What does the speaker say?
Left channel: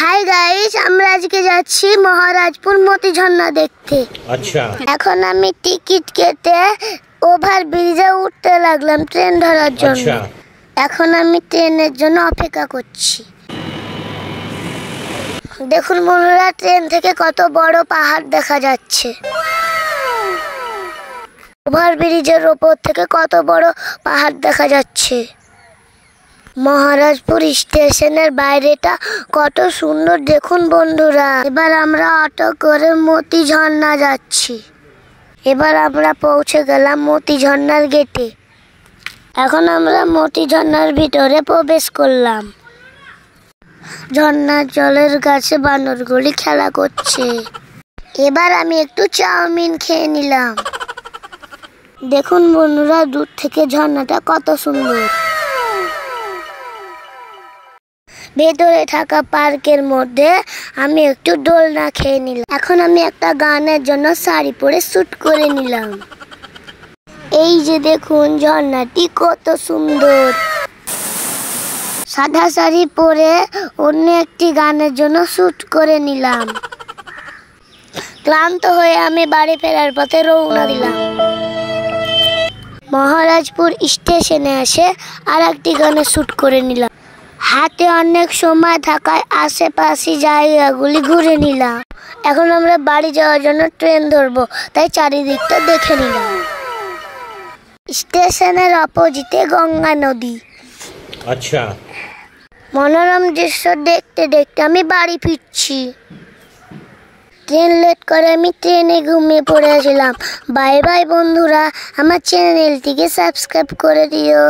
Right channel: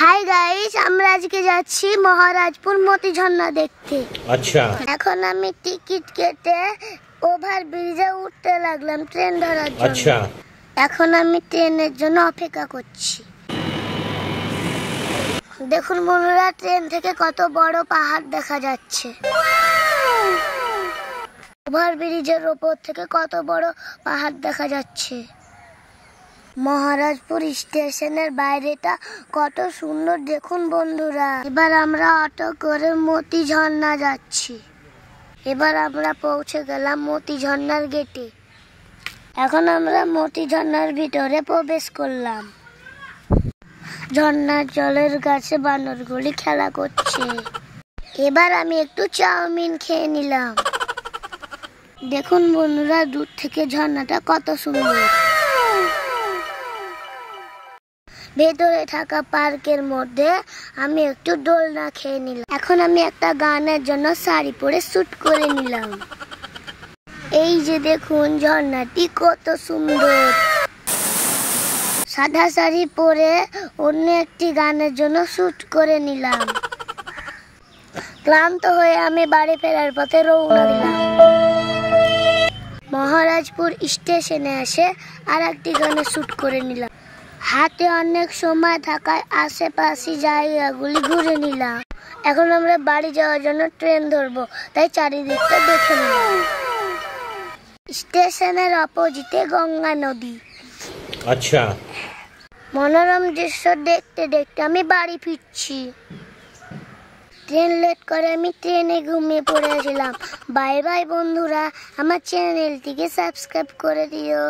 Hi guys, আমরা আজকে যাচ্ছি মহারাজপুর মতি ঝর্ণা দেখতে। আচ্ছা, এখন আমি টিকিট কেটে ওভার ব্রিজে উঠতে লাগলাম ট্রেন ধরার জন্য। আচ্ছা, এখন আমি ট্রেনের জন্য অপেক্ষা করছি। দেখুন বন্ধুরা, ট্রেন থেকে কত বড় পাহাড় দেখা যাচ্ছে। ওভার ব্রিজের ওপর থেকে কত বড় পাহাড় দেখা যাচ্ছে। মহারাজপুর স্টেশনের বাইরেটা কত সুন্দর দেখুন বন্ধুরা। এবার আমরা অটো করে মতি ঝর্ণা যাচ্ছি। এবার আমরা পৌঁছে গেলাম মতি ঝর্ণার গেটে। এখন আমরা মতি ঝর্ণার ভিতরে প্রবেশ করলাম। ঝর্ণার জলের কাছে বানরগুলি খেলা করছে। এবার আমি একটু চাউমিন খেয়ে নিলাম। দেখুন বন্ধুরা, দূর থেকে ঝর্ণাটা কত সুন্দর। ভেতরে থাকা পার্কের মধ্যে আমি একটু দোলনা খেয়ে নিলাম। এখন আমি একটা গানের জন্য শাড়ি পরে শুট করে নিলাম। এই যে দেখুন ঝর্ণাটি কত সুন্দর। সাদা শাড়ি পরে অন্য একটি গানের জন্য শুট করে নিলাম। ক্লান্ত হয়ে আমি বাড়ি ফেরার পথে রওনা দিলাম। মহারাজপুর স্টেশনে এসে আর একটি গানে শুট করে নিলাম। হাতে অনেক সময় থাকায় আশেপাশে জায়গাগুলি ঘুরে নিলাম। এখন আমরা বাড়ি যাওয়ার জন্য ট্রেন ধরবো, তাই চারিদিকটা দেখে নিলাম। স্টেশনের অপোজিটে গঙ্গা নদী। আচ্ছা, মনোরম দৃশ্য দেখতে দেখতে আমি বাড়ি ফিরছি। ট্রেন লেট করে আমি ট্রেনে ঘুমিয়ে পড়েছিলাম। বাই বাই বন্ধুরা, আমার চ্যানেলটিকে সাবস্ক্রাইব করে দিও।